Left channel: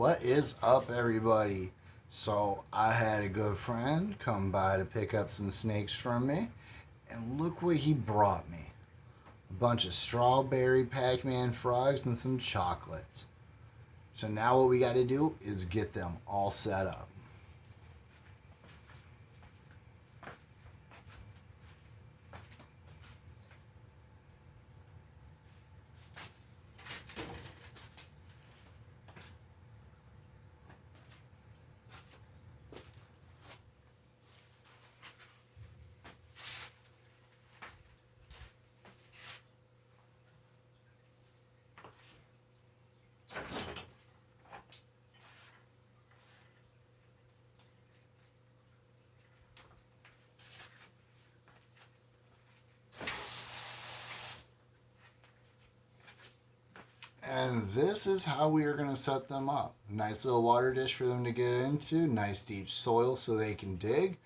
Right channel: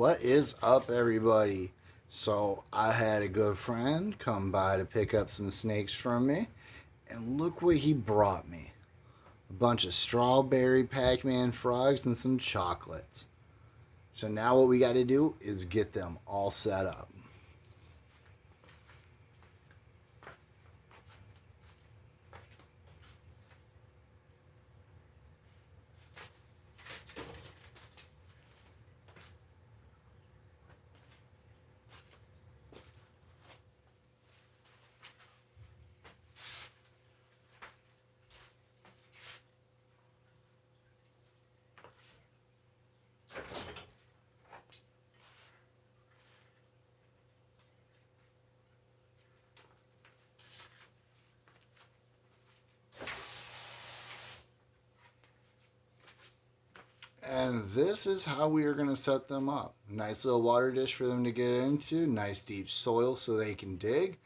What is up, everybody? So, I had a good friend come by to pick up some snakes from me, and look what he brought me: a bunch of strawberry Pac-Man frogs and some chocolates. So, now what we got to do is get them all set up. And this is how we are going to set them up. Nice little water dish for them to get into, nice deep soil so they can dig,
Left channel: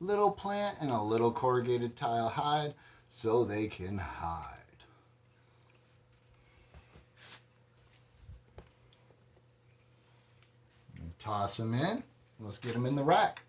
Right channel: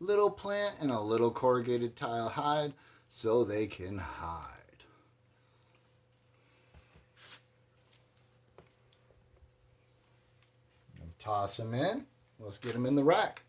little plant and a little corrugated tile hide so they can hide. And toss them in. Let's get them in the rack.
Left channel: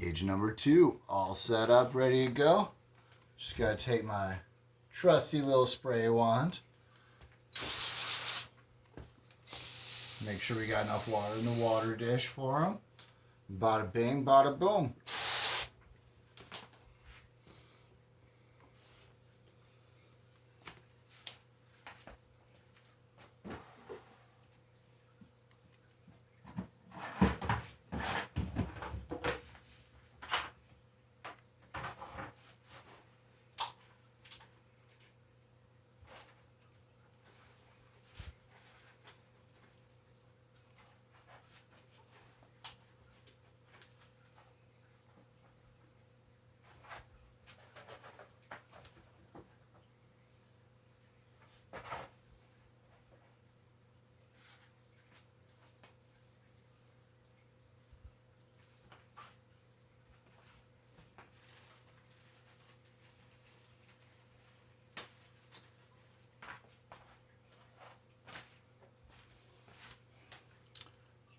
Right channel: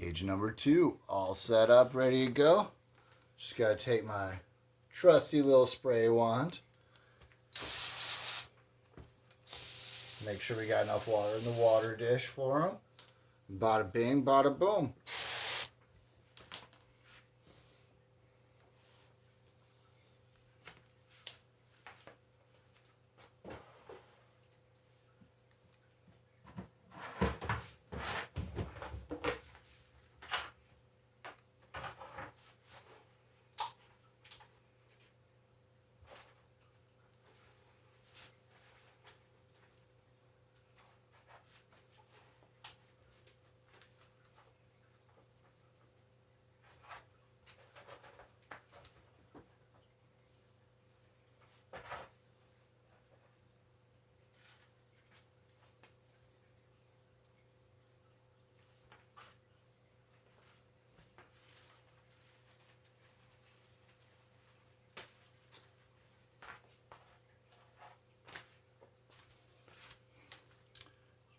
Cage number 2, all set up, ready to go. Just got to take my trusty little spray wand. Make sure we got enough water in the water dish for them. Bada bing, bada boom.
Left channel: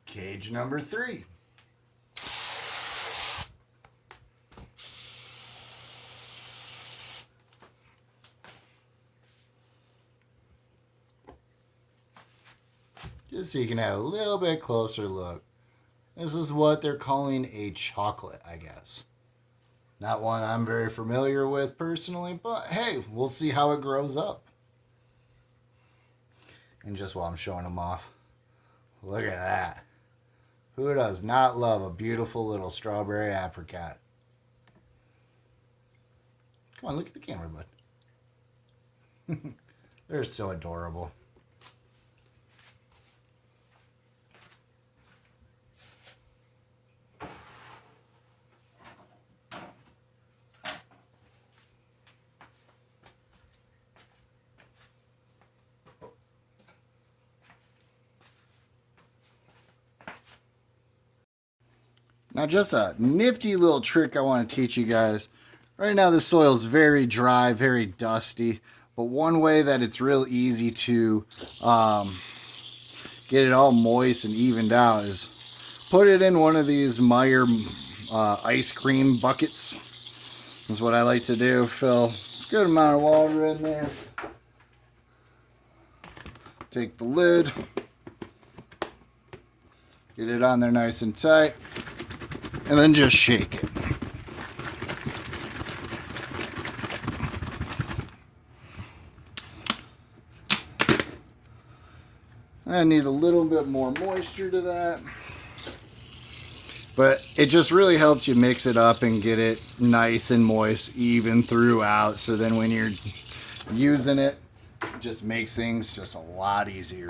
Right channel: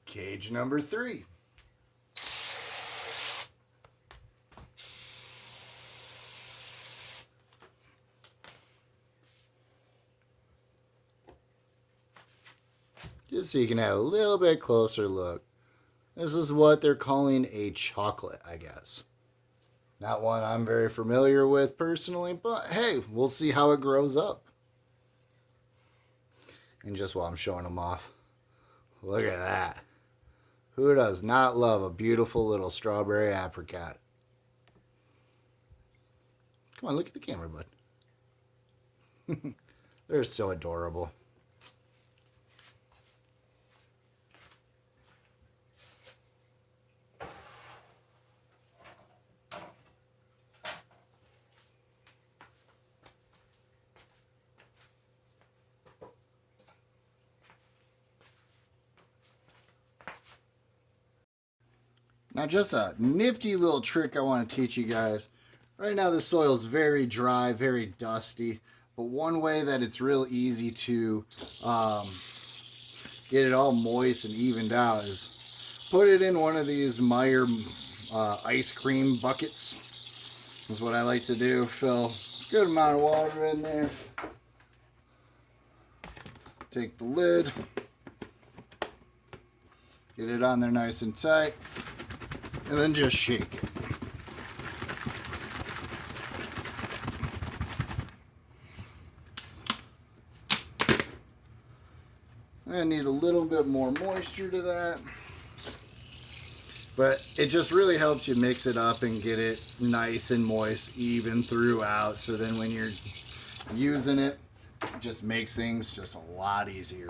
Cage number 3. Just so you can have a little bit closer look. This is what they're calling a chocolate, I guess. Not one I'm very familiar with personally, but hey, we'll see how it grows up. And just while I'm showing them off, look at that. Who does not love a beautiful little strawberry apricot? Come on, look at the camera, bud. They're so adorable. Now, just a nifty little trick I want to teach you guys. Right now, the soil is very dry, very dusty. But one way that it's real easy to get it all moist and evened out is put it in one of these Meyer ice cream buckets. Is what I like to do. Fill a good amount of water in there. Take the lid, Get it on there nice and tight. And then just shake it. I need a little bit more moisture to that. But it just really helps you mix it up and get it nice and moist even throughout. So then when you're using it, it just makes things just a lot easier.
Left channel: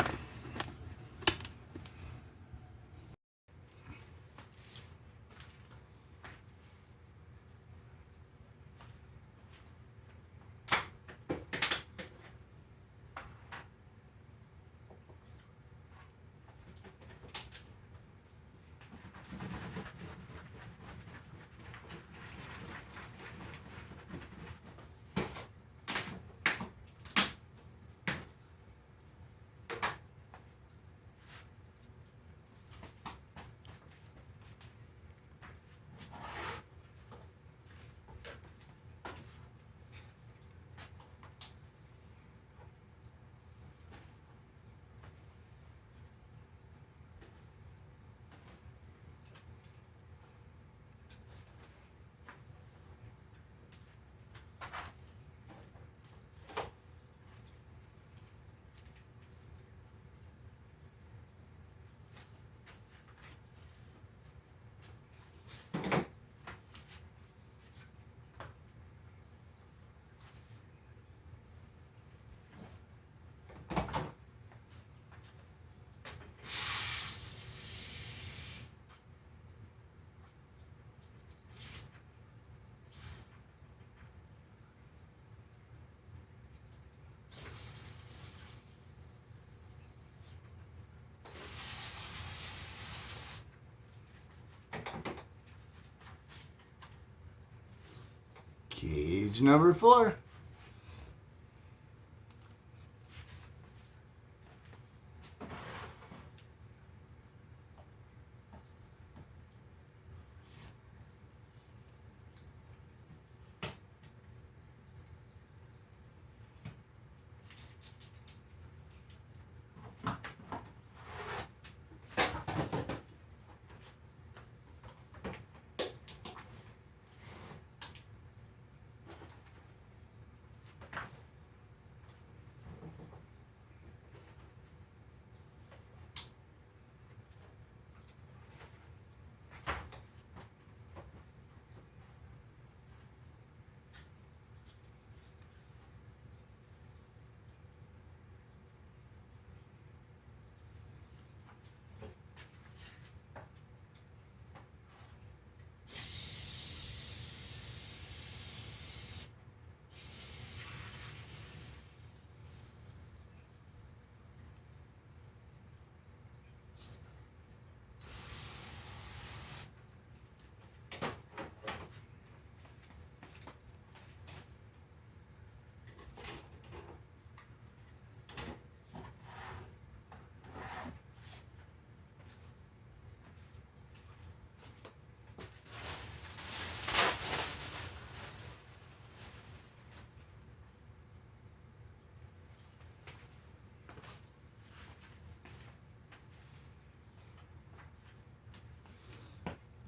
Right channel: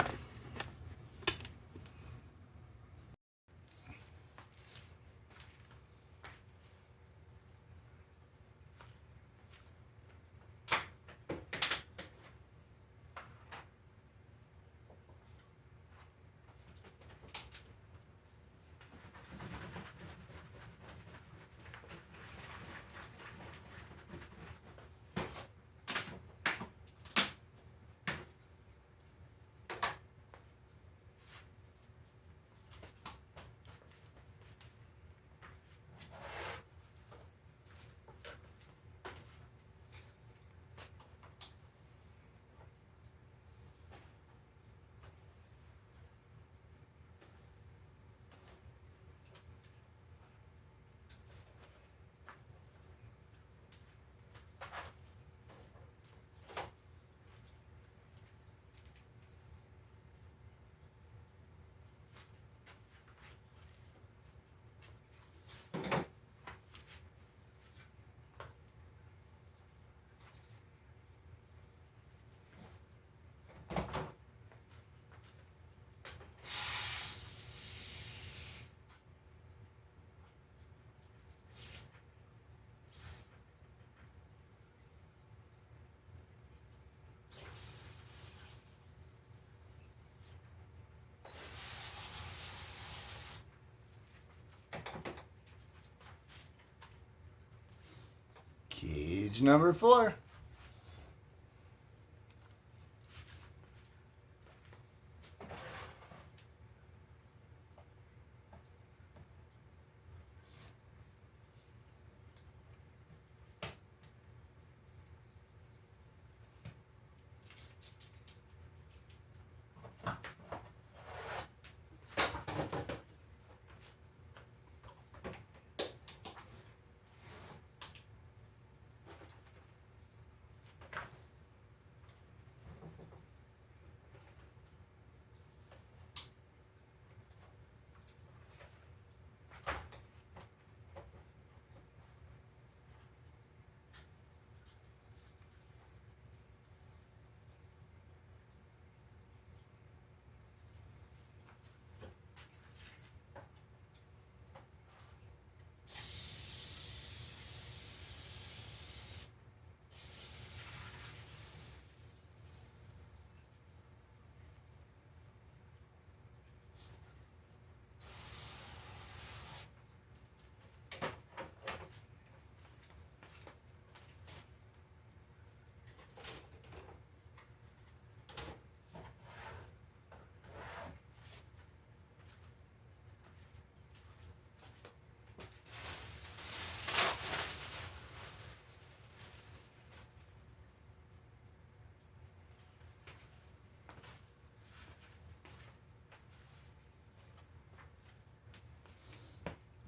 Cage number 4.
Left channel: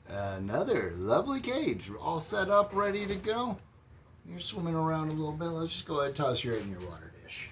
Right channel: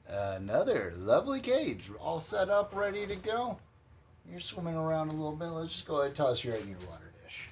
Another lovely cage, all set up, ready to go. You're swimming around a little bit. Let's just go ahead and toss you right in your water dish.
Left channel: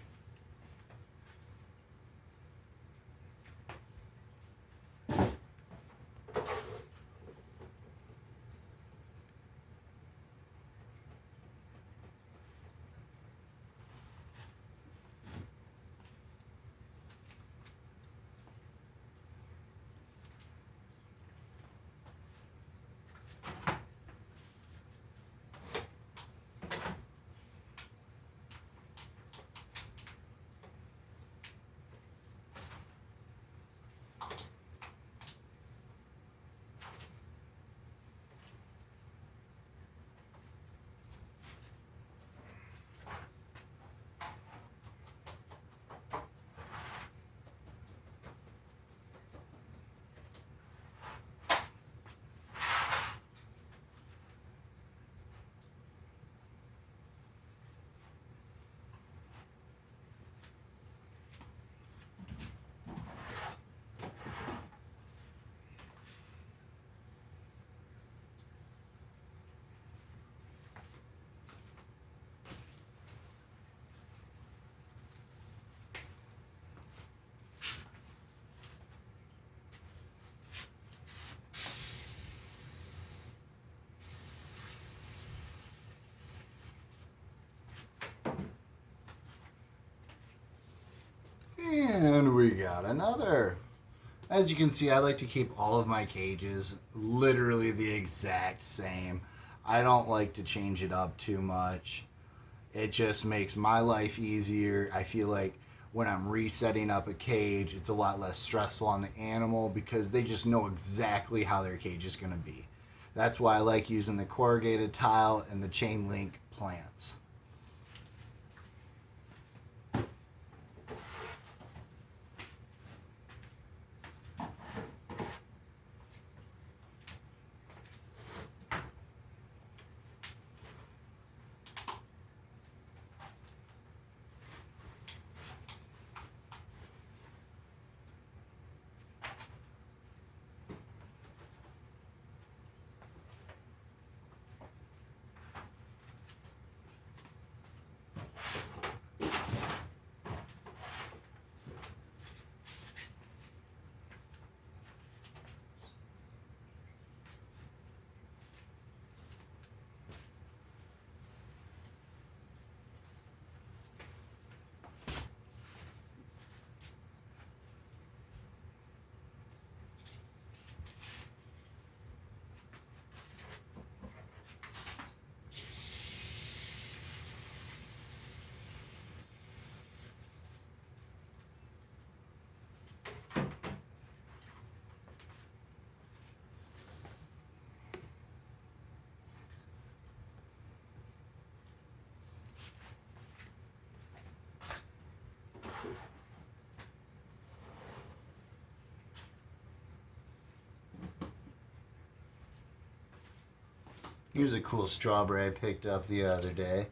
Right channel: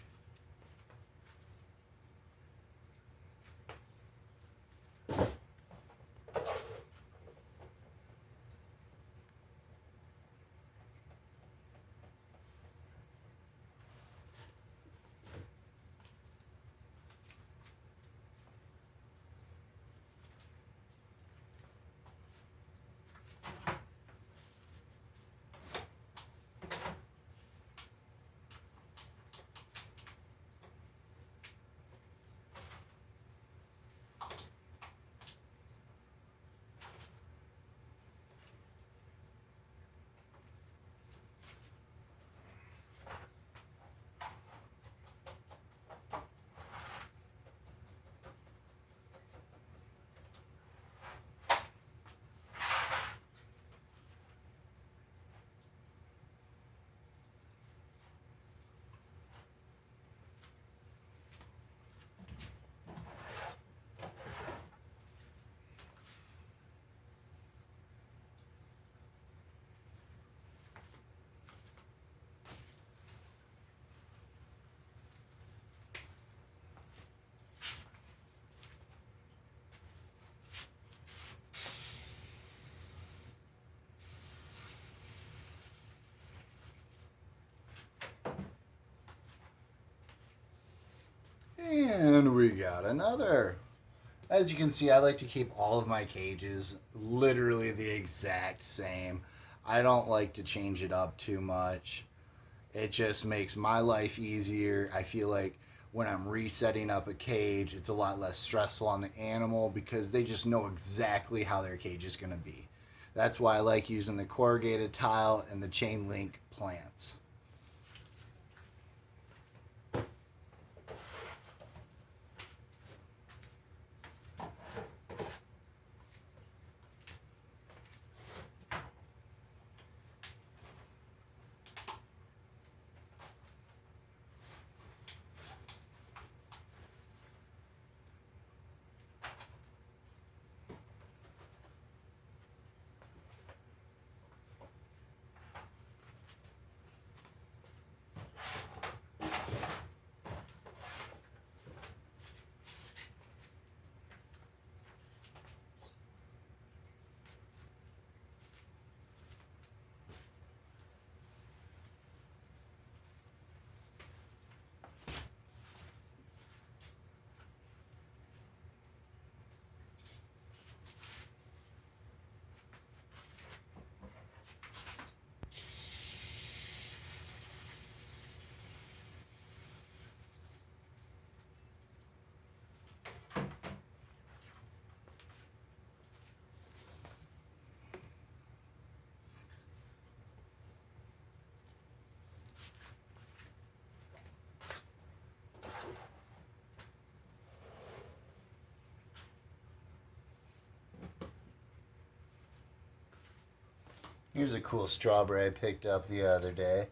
And we got another. As you can see, I like to keep all of my cages literally the exact same. I don't like to change it up too much. It just makes my life easier. I feel like when I'm resetting up a cage, it's a lot less stressful on the animal because they just know exactly how their cage is going to be. That's why I like using the corrugated tile and the chain link plants. Here's a cool strawberry I picked up the other day.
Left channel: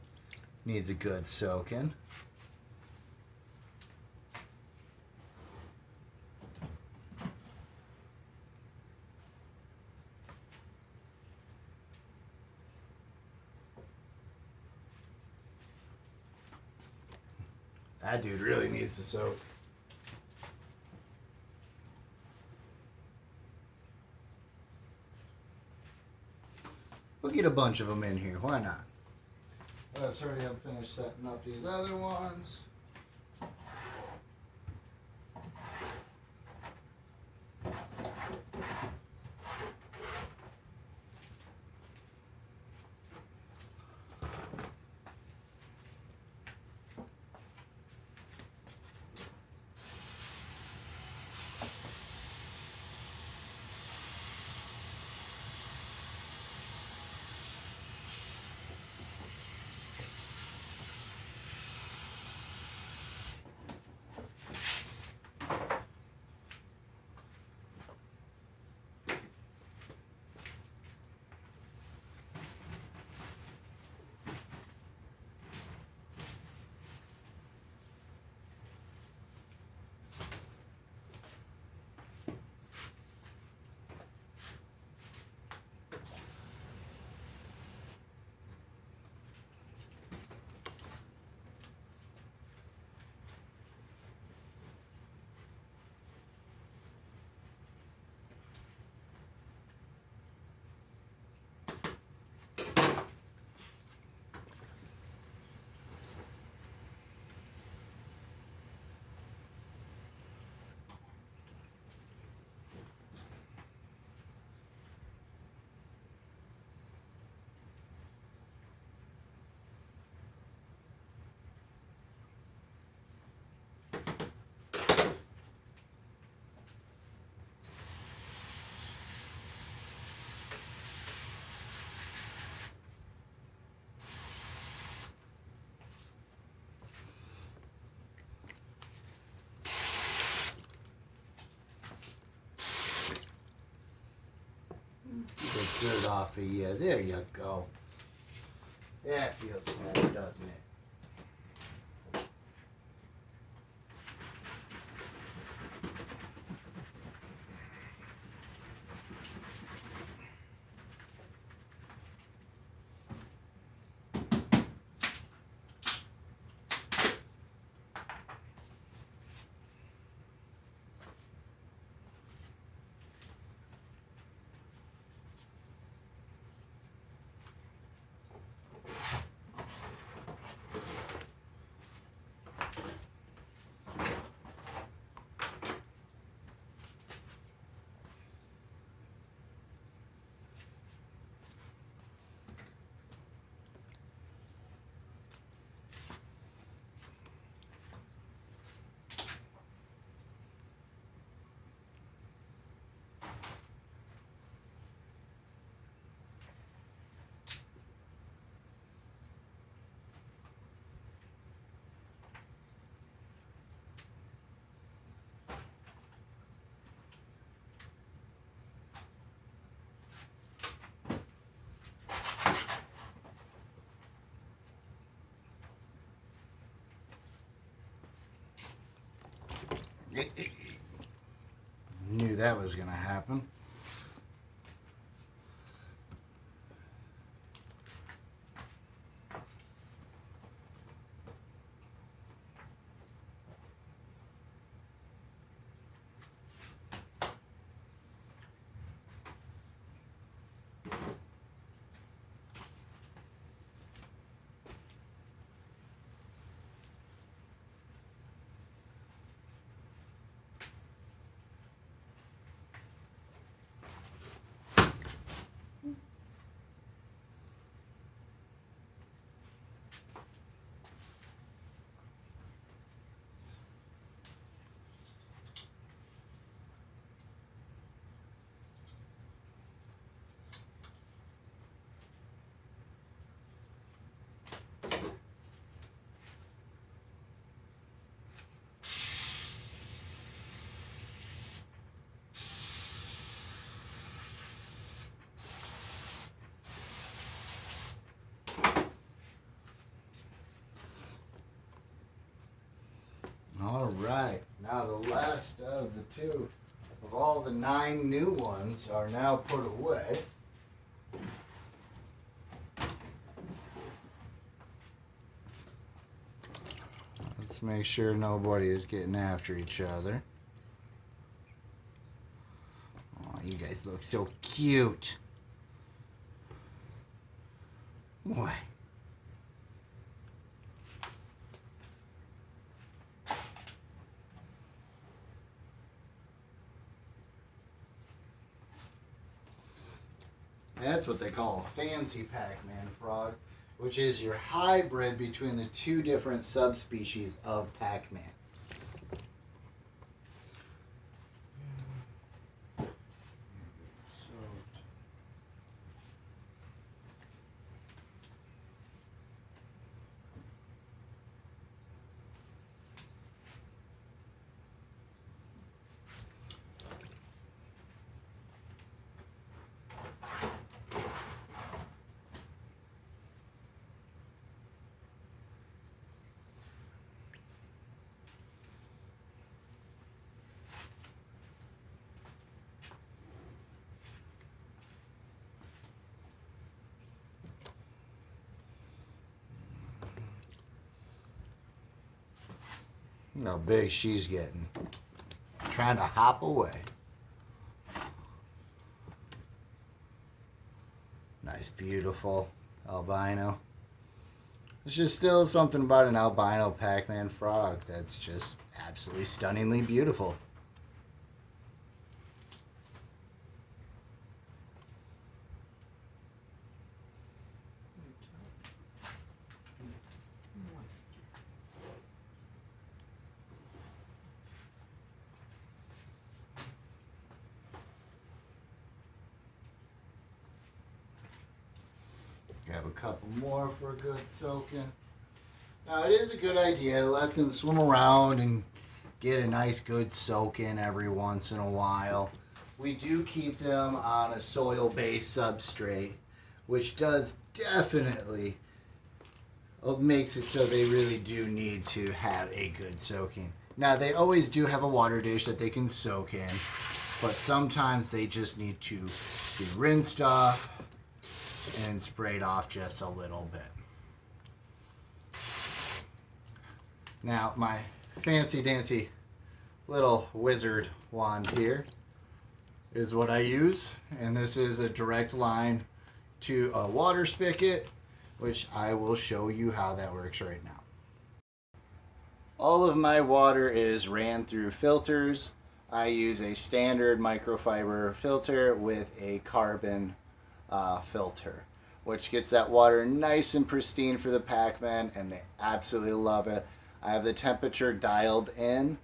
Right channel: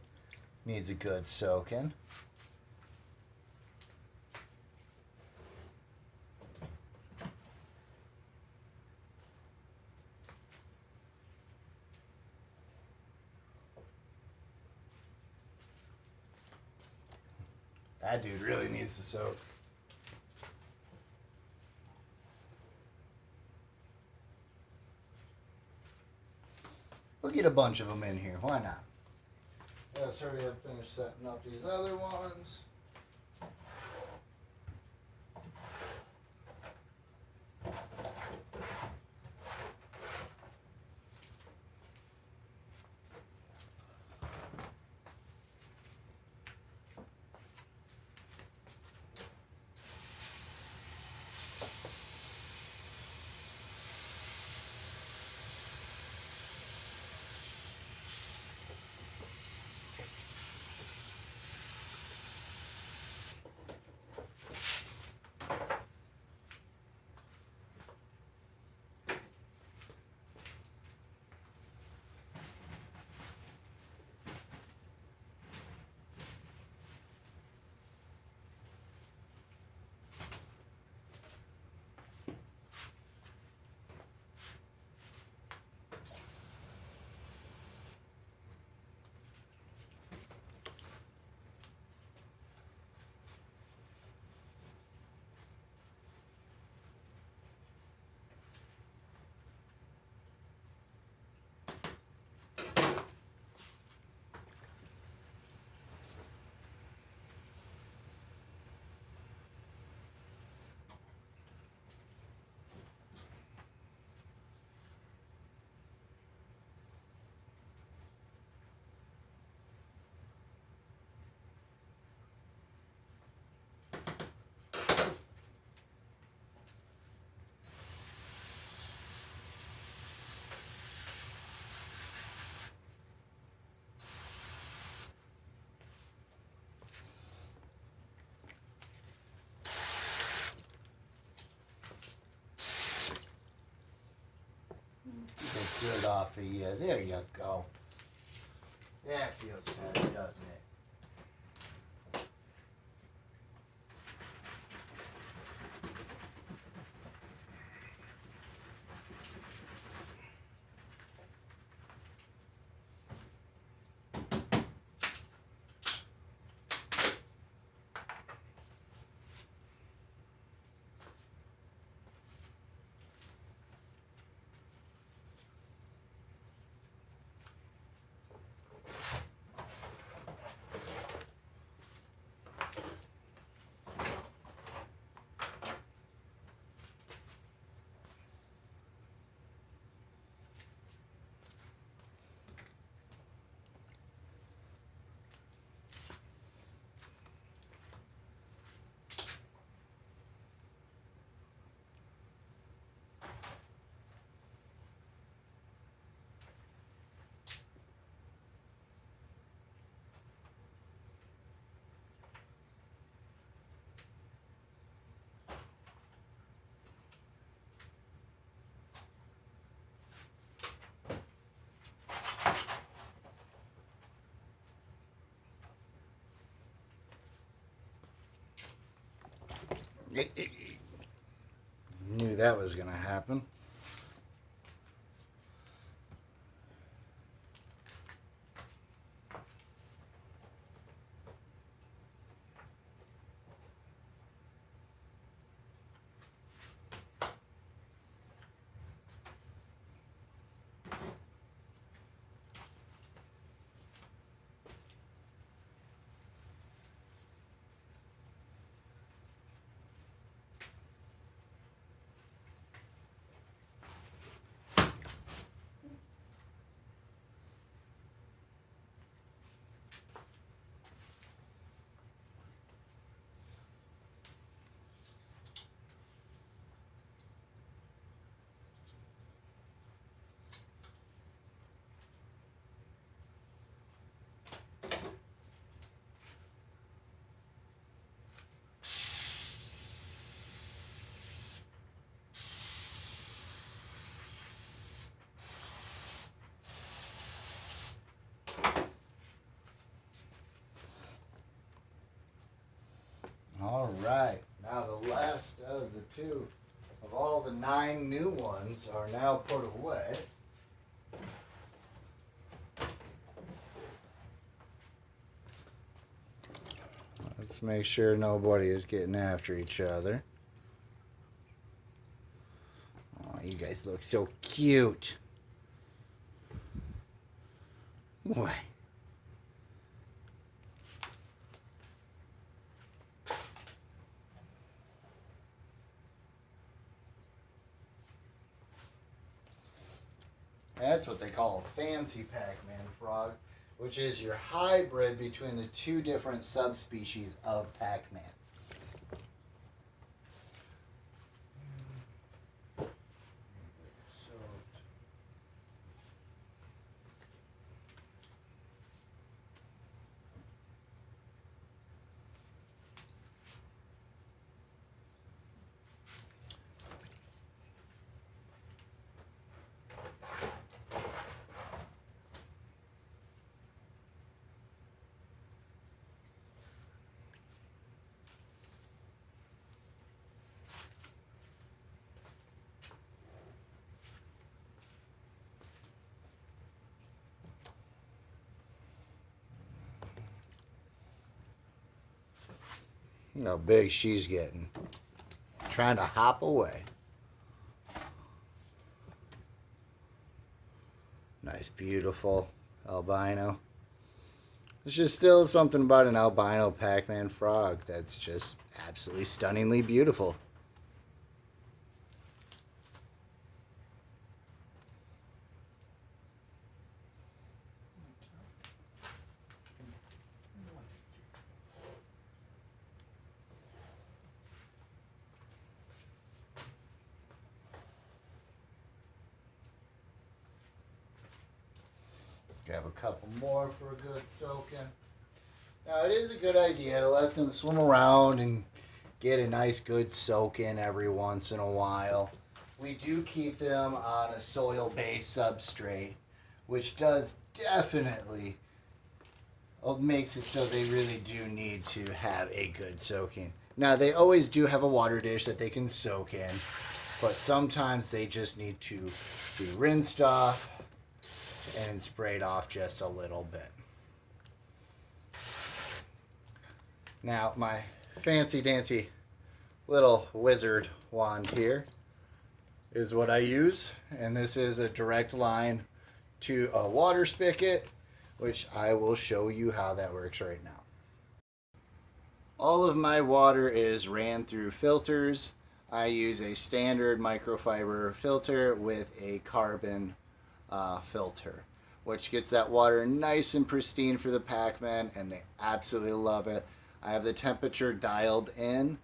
Needs a good soaking. That dude really needs to soak. We'll get a bunch of them in here. Why not? Let's hurry up and finish setting up these other ones. Get off of you. There you go. That feels better, doesn't it? Knew that was going to happen. All right, now the last of the two of all the 9 new ones are now put away. Let's make sure nobody is getting after each other. Oh, you guys look so cute. Boy. That's what they call a fancy Pac-Man frog, which is your hybrid between the 2 different subspecies of Pac-Man. Look how big she's getting. Trying to hop away. Nice, beautiful albino. There's just still something about an albino Pac-Man frog that's just absolutely stunningly beautiful. Grab a couple more for a good soaking. Now it is a good idea to let them swim around and get a nice good soak in every once in a while. We do keep them on a soil-based substrate, which does definitely makes it so they really do need to have a good soaking. Now they always do have a water dish that they can soak in, but sometimes they just need to be rinsed off and sprayed off just a little bit. Now my fancy dancy little wizard wand here is what I use, and this is a direct line to a water spigot, which I will show you how that works right now. All of my water is ran through filters. I use a standard microfiber filter with a carbon filter, which gets that water nice and pristine for the Pac-Man, and they absolutely love it. I have the temperature dialed in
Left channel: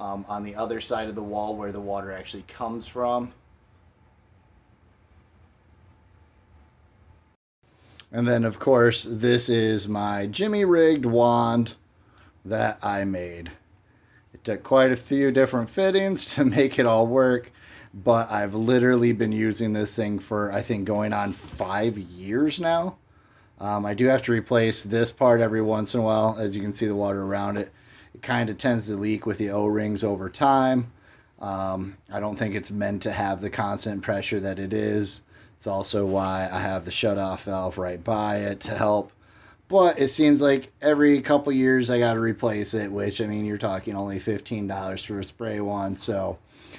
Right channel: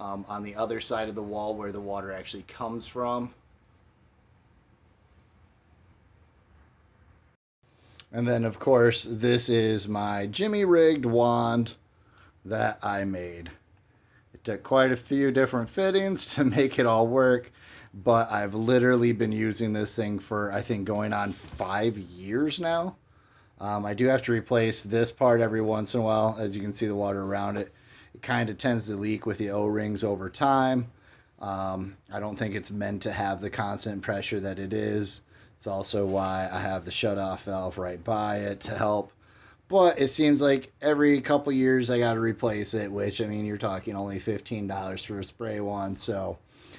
on the other side of the wall where the water actually comes from. And then of course this is my Jimmy rigged wand that I made. It took quite a few different fittings to make it all work, but I've literally been using this thing for, I think, going on 5 years now. I do have to replace this part every once in a while. As you can see, the water around it It kind of tends to leak with the O-rings over time. I don't think it's meant to have the constant pressure that it is. It's also why I have the shutoff valve right by it to help. But it seems like every couple years I got to replace it, which, I mean, you're talking only $15 for a spray one. So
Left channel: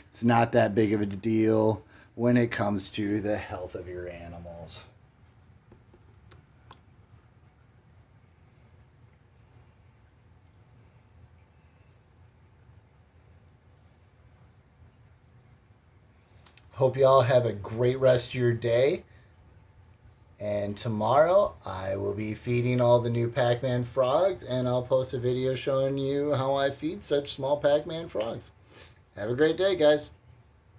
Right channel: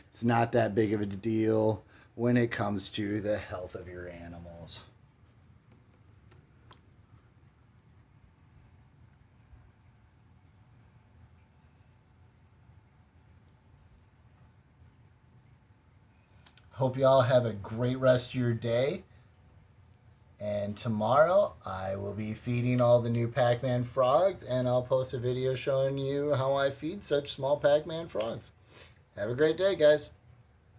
it's not that big of a deal when it comes to the health of your animals. Hope you all have a great rest of your day. And tomorrow I will be feeding all the new Pac-Man frogs, and I'll post a video showing you how I feed such small Pac-Man frogs. Have a great day, guys.